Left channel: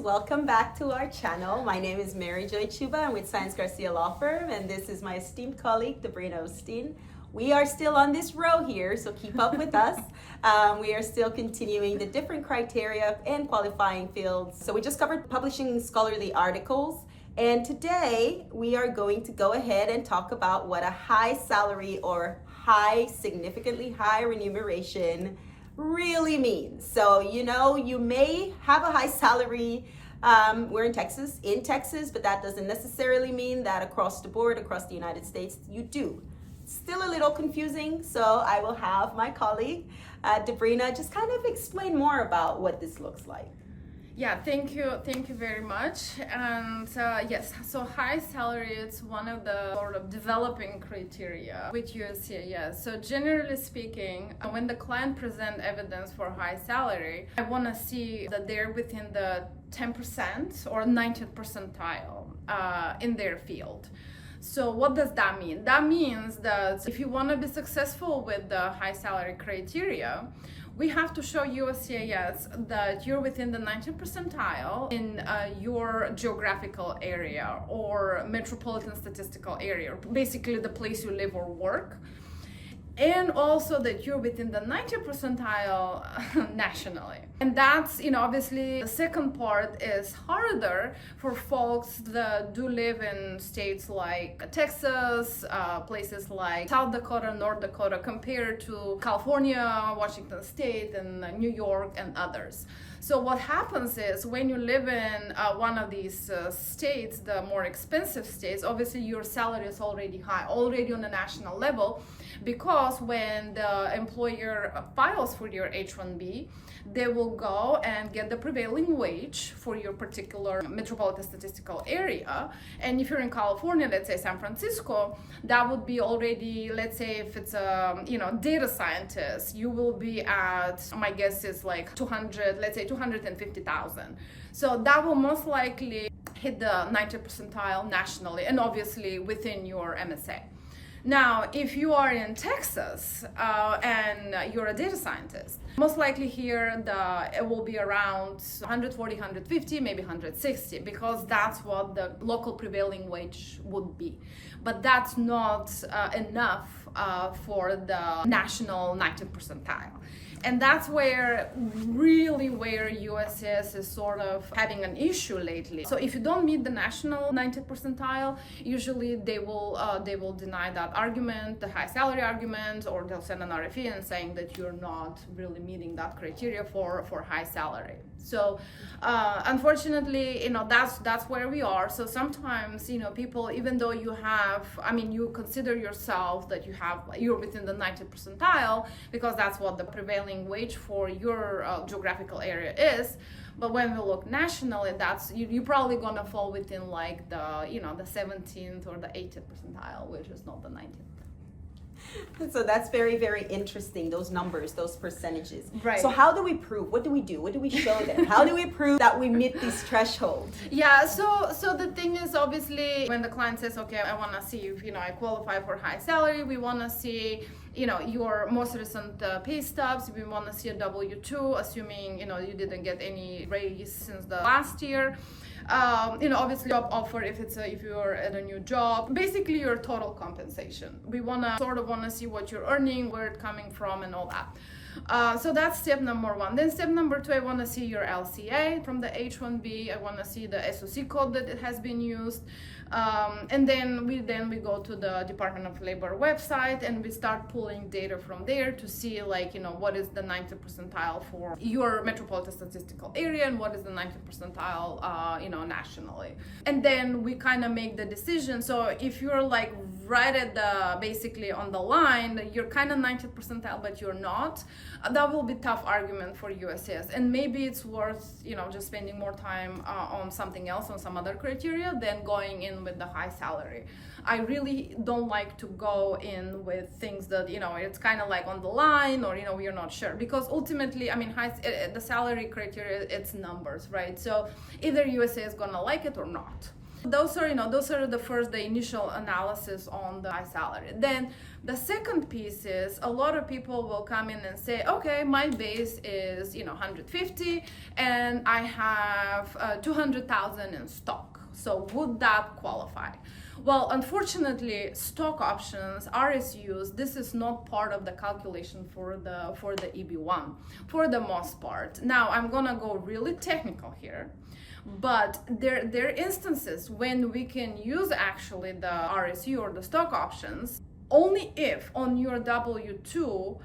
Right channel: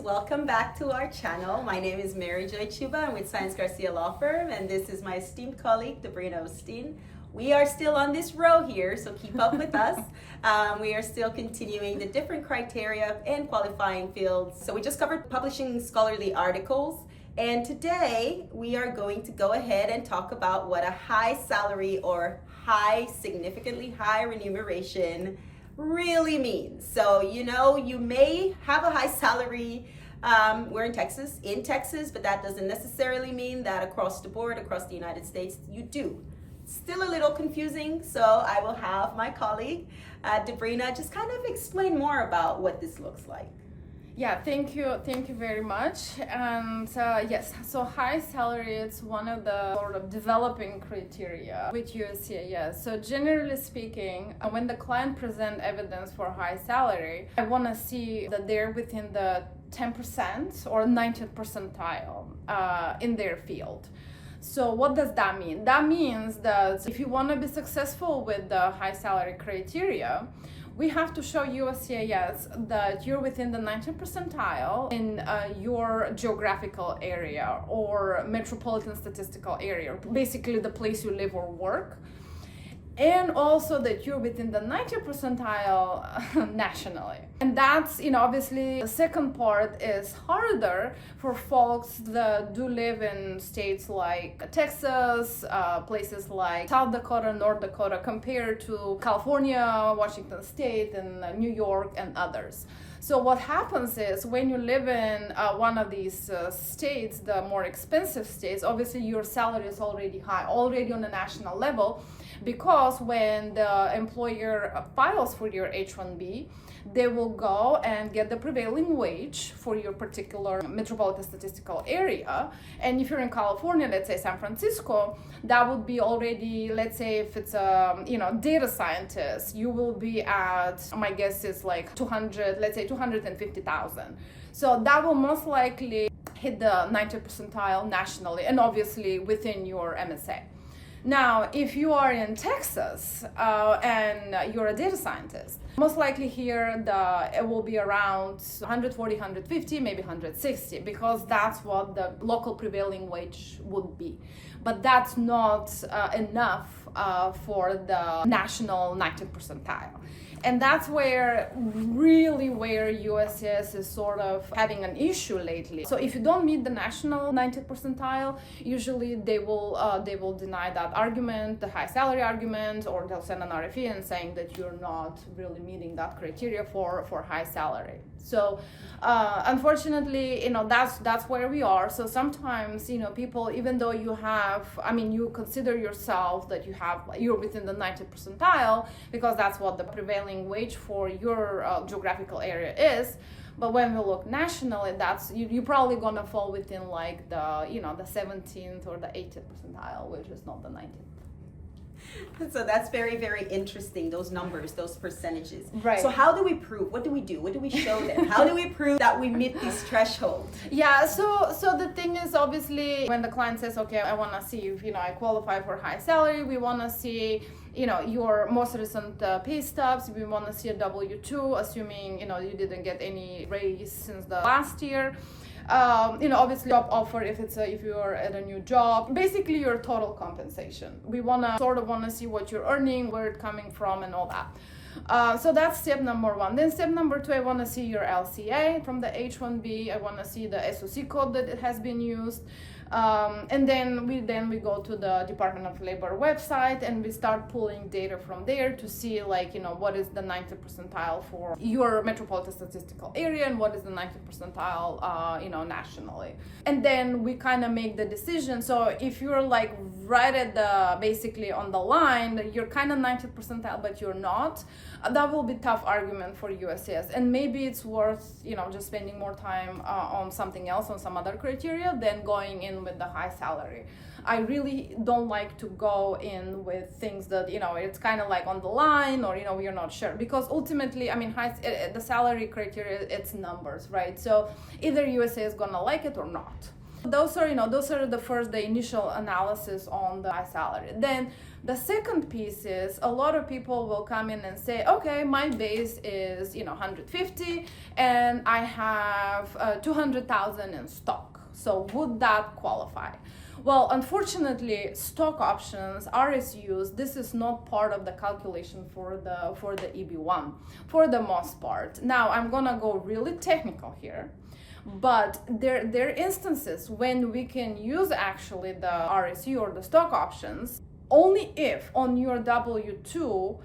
welcome back to our channel. My name is Mary Joy Chuba. I'm with Science Garcia Law Firm, and this is my esteemed colleague, Debrina Osteen. We are still on this row here, so keep up with us. We are still continuing the different criteria and qualifying fields. So we just covered publishing scholarly articles, and today we are going to go ahead and talk about what a high salary or significantly high remuneration really means. So, you may have a high salary. We're in Texas, but that doesn't necessarily mean that across the board, across the United States, you do. Still a little confusing, so I will have my colleague, Debrina, just kind of explain more about what this looks like. Yeah, thank you very much. And yes, so high salary is one of the sort of developing criteria with USCIS. So generally speaking, when the client present evidence for high salary, I want to see that they're within the 10% or 90th percentile in their field. So what does that mean? That means that if you want to be successful with the high salary criteria, we have to show USCIS that you're within the 90th percentile in your geographical area or metropolitan statistical area, basically the place you live or work. And also that you're within the 90th percentile nationally. And that's, obviously the second part is harder for folks that do live in states like Texas, places like South Dakota, North Dakota, compared to California, Washington State, and New York, and others. So what happens is when you live in one of these states, the more expensive states, obviously your salary is already high, already on a national level, because when the employer files for your H-1B, they will go and get the prevailing wage for your particular metropolitan statistical area. And if you're in California, let's say San Francisco, that would be already, let's say if it's a data scientist, you will be at, my guess is like 250,000. So that will most likely hit the 90th percentile nationally and obviously within your MSA. Now, if you are in Texas and you're a data scientist, most likely here it will be around 140, 150, maybe 160, because that's what the local prevailing wage would be. But that's not enough for the national 90th percentile. And that's where USCIS is sort of having an issue lately. So if you don't meet the national 90th percentile, usually they will deny that argument, the high salary argument, or they'll send an RFE and saying that you're not really meeting that criteria for high salary. So unfortunately, that's where we are. So sometimes, people, even though you consider yourself that you're within the 90th percentile because that's what the prevailing wage for your geographical area is. But when we look nationally, that's you're probably gonna fall within like the 17th or the 80th percentile, which is not the 90th. So that's very, very interesting, those numbers, those percentages. Right. So how do we prove? What do we do? What do we show them? How do we prove that we meet these thresholds? Yeah, so the thing is, obviously, when the client says, okay, I want to see if, I qualify for high salary, we want to see, your most recent pay stubs, we want to see a W-2, assuming, you didn't get any raise since the last year. Obviously job offer if you're at a new job, basically your total compensation. We want to see what you're earning, where it's coming from, and all that. So that's step number one. Then step number two, I want to see your LCA from the H-1B. I want to see the SOC code that it has been used. And then we go to the Department of Labor website and we start pulling data from there to see what is the 90th percentile for your metropolitan statistical area and what is the 90th percentile nationally. And then we kind of make the decision. So if you're right at basically on the line, then you're kind of 90th percentile but you're not, that will be tough argument for USCIS, and maybe it's worth just spending more time on something else, on some other criteria, than going in with the high salary. I really don't like to go in with things that it's kind of like on the line, or we're not sure, because ultimately the salary criteria, it's numbers, right? So either USA is gonna like it or not. Those are the initial analysis on the high salary. Then the second piece is a lot of people will come in and say, okay, my base is 150 and I have 200,000 in stock. So would that qualify? Well, unfortunately, stock options, RSUs, this is not part of the calculation for the EB1 for the most part. Now, I'm gonna go really technical here, but there are instances when we can use actually the RSU or the stock options only if on your W-2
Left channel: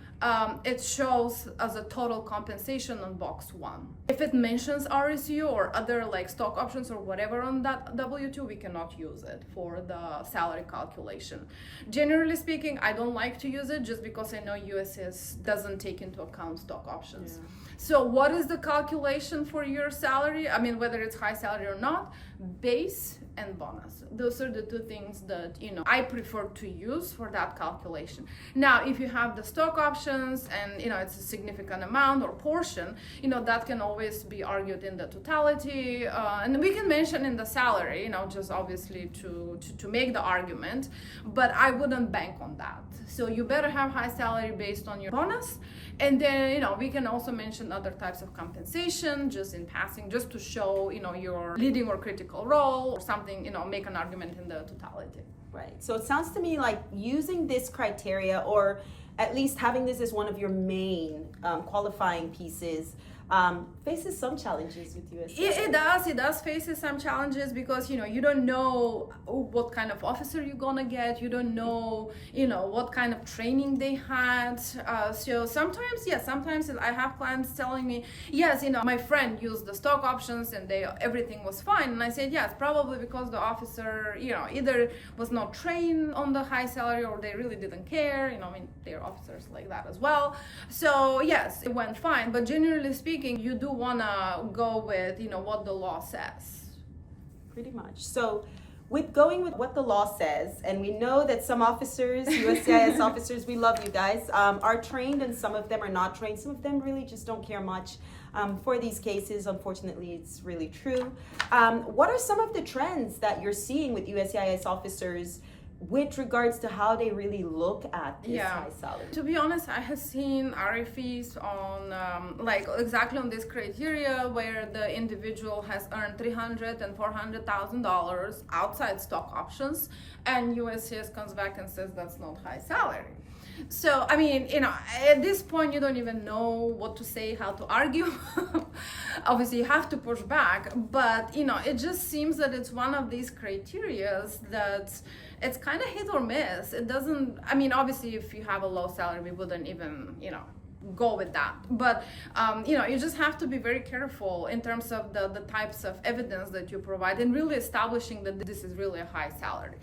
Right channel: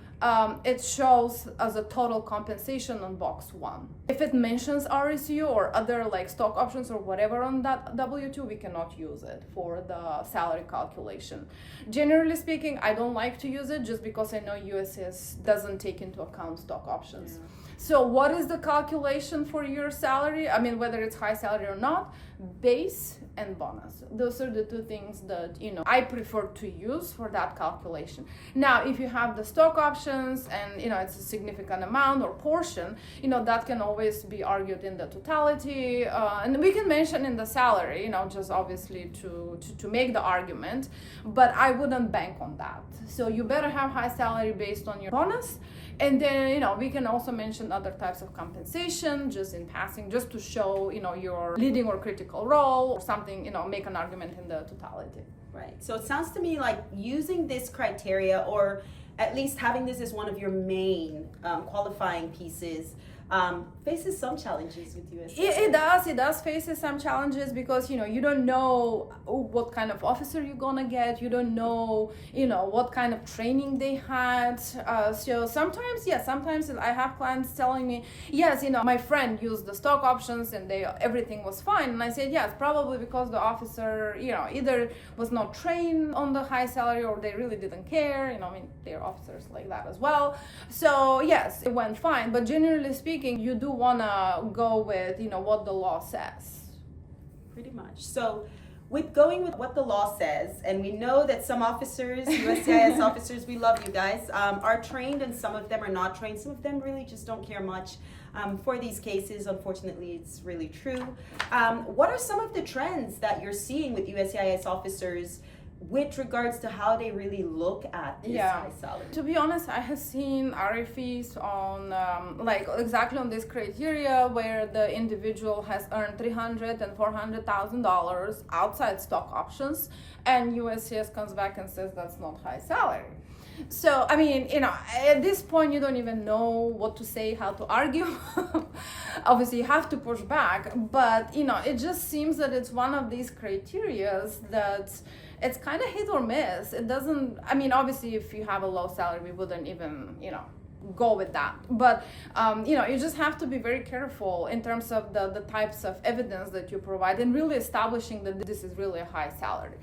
it shows as a total compensation on box 1. If it mentions RSU or other like stock options or whatever on that W-2, we cannot use it for the salary calculation. Generally speaking, I don't like to use it just because I know USCIS doesn't take into account stock options. Yeah. So what is the calculation for your salary? I mean, whether it's high salary or not, base and bonus. Those are the two things that I prefer to use for that calculation. Now, if you have the stock options and it's a significant amount or portion, that can always be argued in the totality, and we can mention in the salary, just obviously to make the argument, but I wouldn't bank on that. So you better have high salary based on your bonus. And then, we can also mention other types of compensation just in passing, just to show, your leading or critical role or something, make an argument in the totality. Right. So it sounds to me like using this criteria, or at least having this as one of your main qualifying pieces, faces some challenges with USCIS. It does faces some challenges because you don't know what kind of officer you're gonna get. You don't know what kind of training they had. So sometimes I have clients telling me, yes, my friend used the stock options and everything was fine, and I said yes, probably because the officer either was not trained on the high salary or they really didn't care. They're officers like that as well. So yes, it went fine, but generally speaking, you do want to go with what the law says. Pretty much. So with going with what the law says, and we know that some officers, USCIS officers, we love you guys, are trained, and some of them are not trained. Some of them really just don't care much for these cases. Unfortunately, it's really true. What are some of the trends that you're seeing with USCIS officers with regards to how they really look at this high salary? To be honest, I have seen RFEs on exactly on this criteria where the individual has earned $300,000 and $400,000 outside stock options, and USCIS comes back and says that's not high salary. So, I mean, at this point, you don't even know what to say, how to argue. Obviously, you have to push back, but, it just seems that it's one of these criterias that it's kind of hit or miss. It doesn't, obviously, if you have a low salary, we wouldn't even, go with that. But, you just have to be very careful in terms of the types of evidence that you provide and really establishing that this is really a high salary.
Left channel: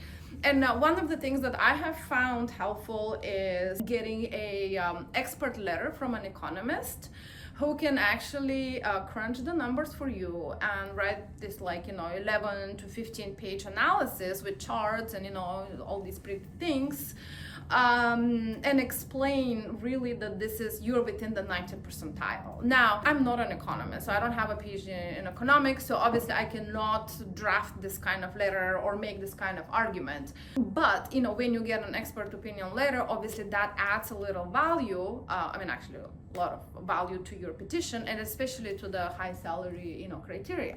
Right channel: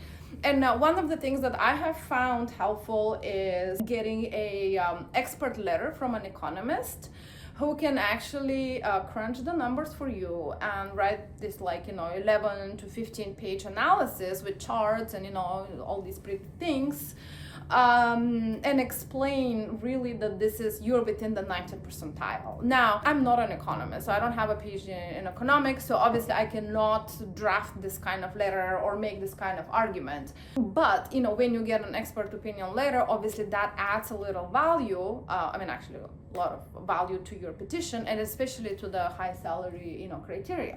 And one of the things that I have found helpful is getting a expert letter from an economist who can actually crunch the numbers for you and write this 11 to 15 page analysis with charts and all these pretty things, and explain really that you're within the 90th percentile. Now, I'm not an economist, so I don't have a PhD in economics, so obviously I cannot draft this kind of letter or make this kind of argument. But, when you get an expert opinion letter, obviously that adds a little value, actually a lot of value to your petition, and especially to the high salary, criteria.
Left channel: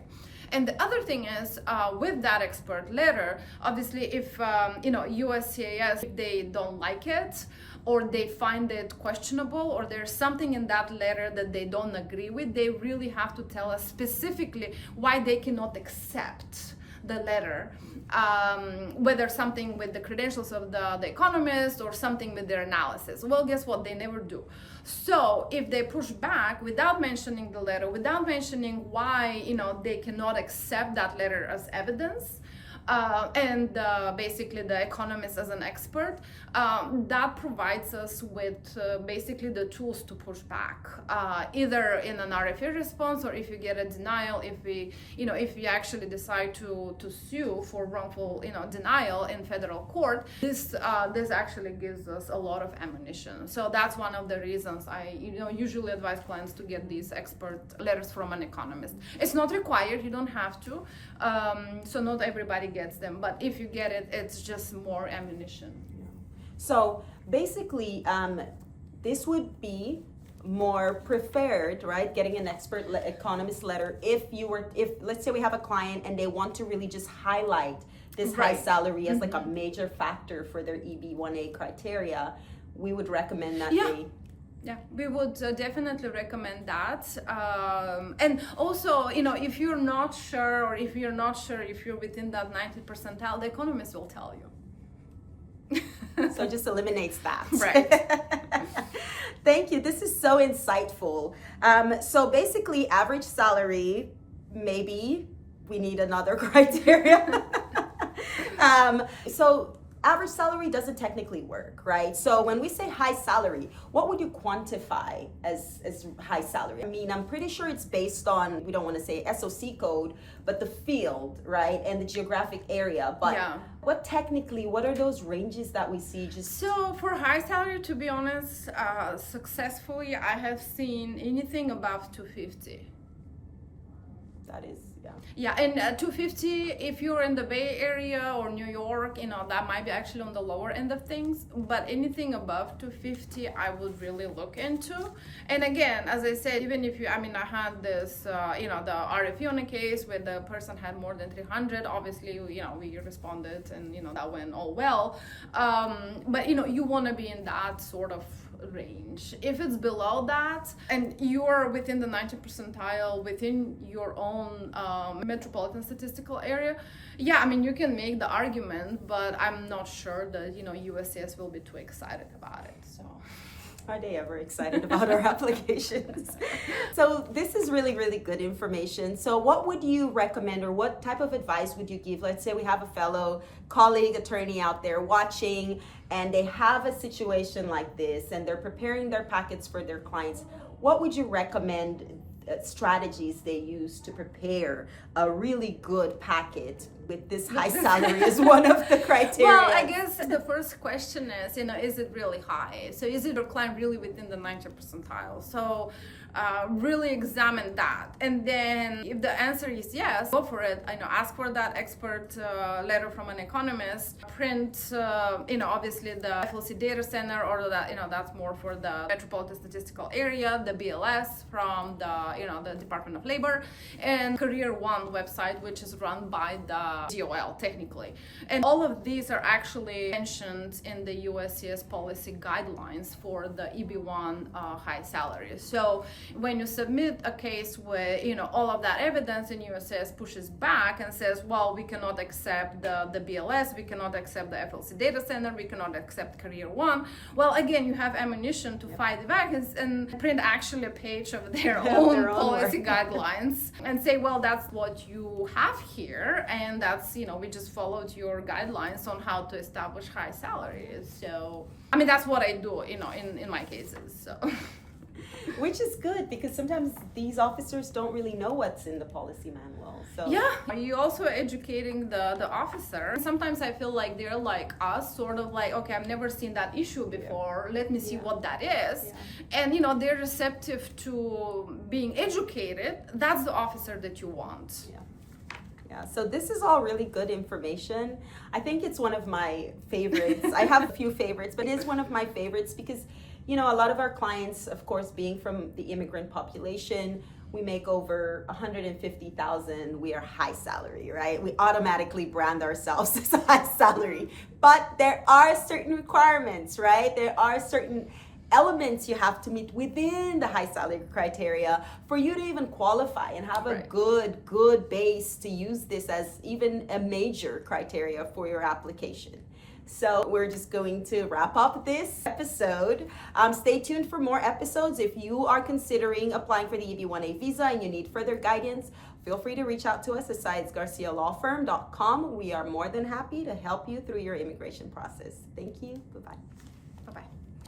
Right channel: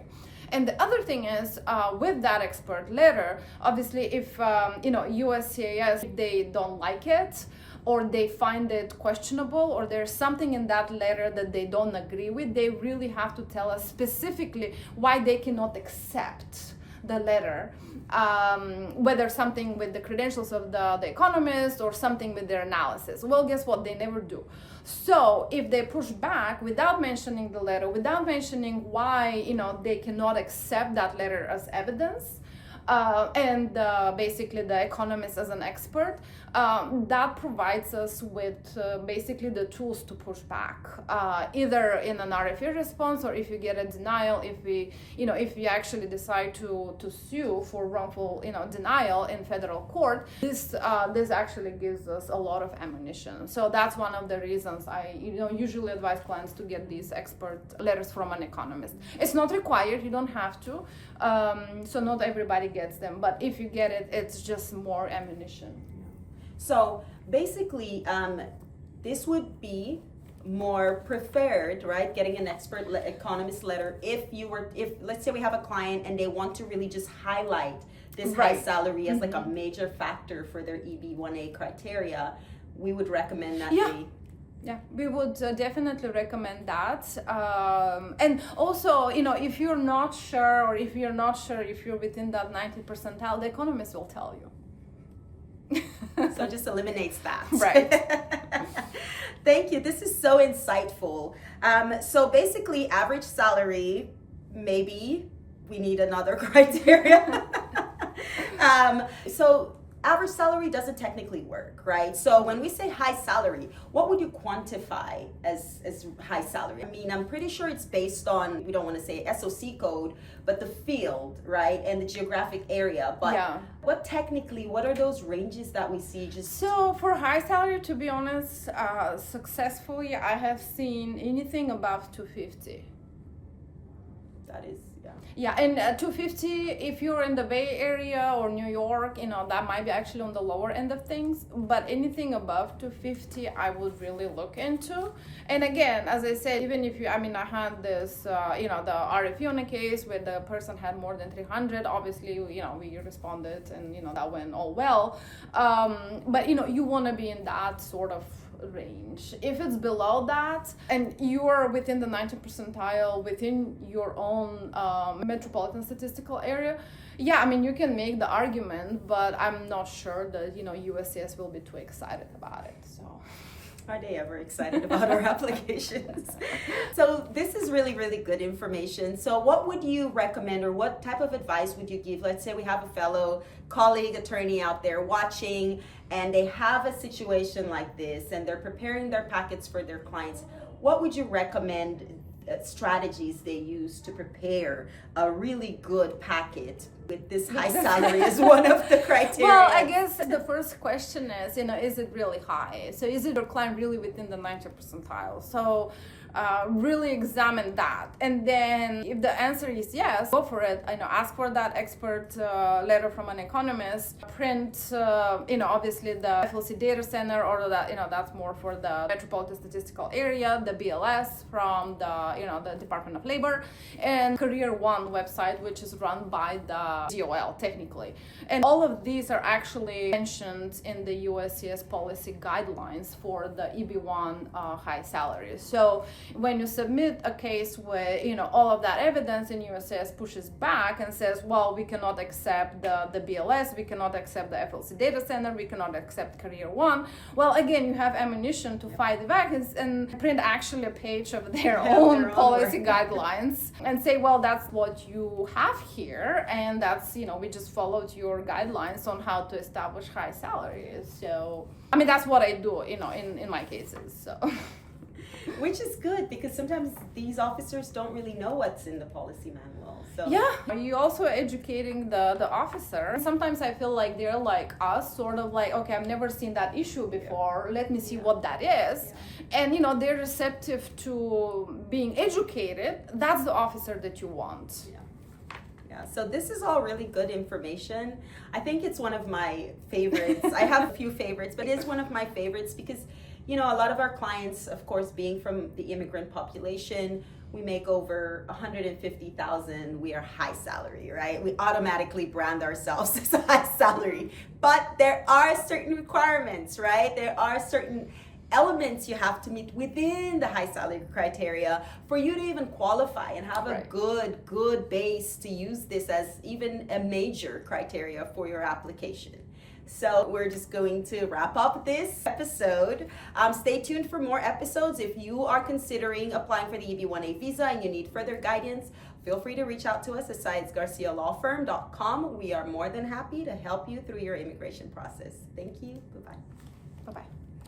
And the other thing is, with that expert letter, obviously, if USCIS, if they don't like it, or they find it questionable, or there's something in that letter that they don't agree with, they really have to tell us specifically why they cannot accept the letter, whether something with the credentials of the economist or something with their analysis. Well, guess what? They never do. So if they push back without mentioning the letter, without mentioning why, they cannot accept that letter as evidence, and basically the economist as an expert, that provides us with basically the tools to push back, either in an RFE response, or if you get a denial, if we actually decide to sue for wrongful denial in federal court. This actually gives us a lot of ammunition. So that's one of the reasons I usually advise clients to get these expert letters from an economist. It's not required, you don't have to. So not everybody gets them, but if you get it, it's just more ammunition. So basically, this would be more preferred, right? Getting an expert economist letter if let's say we have a client and they want to really just highlight this high salary as like a major factor for their EB-1A criteria, we would recommend that Yeah, we would definitely recommend that. And also, if you're not sure, or if you're within that 90th percentile, the economist will tell you. So it just eliminates that. Right. Thank you. This is so insightful. So basically, average salary, maybe we need another criteria. So average salary doesn't technically work, right? So when we say high salary, what would you quantify as high salary? I mean, I'm pretty sure it's based on, we don't want to say SOC code, but the field, right? And the geographic area. But what are those ranges that we see? So for high salary, to be honest, successfully, I have seen anything above 250. That is, yeah, and 250, if you're in the Bay Area or New York, that might be actually on the lower end of things. But anything above 250, I would really look into. And again, as I said, even if I had this, the RFE on a case where the person had more than 300. Obviously, we responded, and that went all well. But you want to be in that sort of range. If it's below that and you're within the 90th percentile within your own metropolitan statistical area, you can make the argument, but I'm not sure that USCIS will be too excited about it. So are they ever excited about our applications? So this is really, really good information. So what would you recommend, or what type of advice would you give? Let's say we have a fellow colleague attorney out there watching, and they have a situation like this, and they're preparing their packets for their clients. What would you recommend strategies they use to prepare a really good packet with this high salary is one of the criteria? Well, I guess the first question is it really high? So is it your client really within the 90th percentile? So really examine that, and then if the answer is yes, go for it. Ask for that expert letter from an economist. Print obviously the FLC data center, or that's more for the metropolitan statistical area, the BLS from the Department of Labor, and Career One website, which is run by the DOL technically. And all of these are actually mentioned in the USCIS policy guidelines for the EB-1 high salaries. So when you submit a case with all of that evidence, and USCIS pushes back and says, well, we cannot accept the BLS, we cannot accept the FLC data center, we cannot accept Career One, well, again, you have ammunition to fight back and print actually a page of their own policy guidelines and say, well, that's what you have here, and that's we just followed your guidelines on how to establish high salaries. So that's what I do in my cases. So which is good, because sometimes these officers don't really know what's in the policy manual. So you're also educating the officer. Sometimes I feel like they're like us, sort of like, okay, I've never seen that issue before, let me see what that is. And they're receptive to being educated. That's the officer that you want. So this is all really good information. I think it's one of my favorites. I have a few favorites, but it's one of my favorites because, a lot of our clients, of course, being from the immigrant population, we make over 150,000. We are high salary, right? We automatically brand ourselves as a high salary. But there are certain requirements, right? There are certain elements you have to meet within the high salary criteria for you to even qualify and have a good base to use this as even a major criteria for your application. So we're just going to wrap up this episode. Stay tuned for more episodes. If you are considering applying for the EB-1A visa and you need further guidance, feel free to reach out to us at sciencegaracialawfirm.com. We are more than happy to help you through your immigration process. Thank you. Bye-bye. Bye-bye.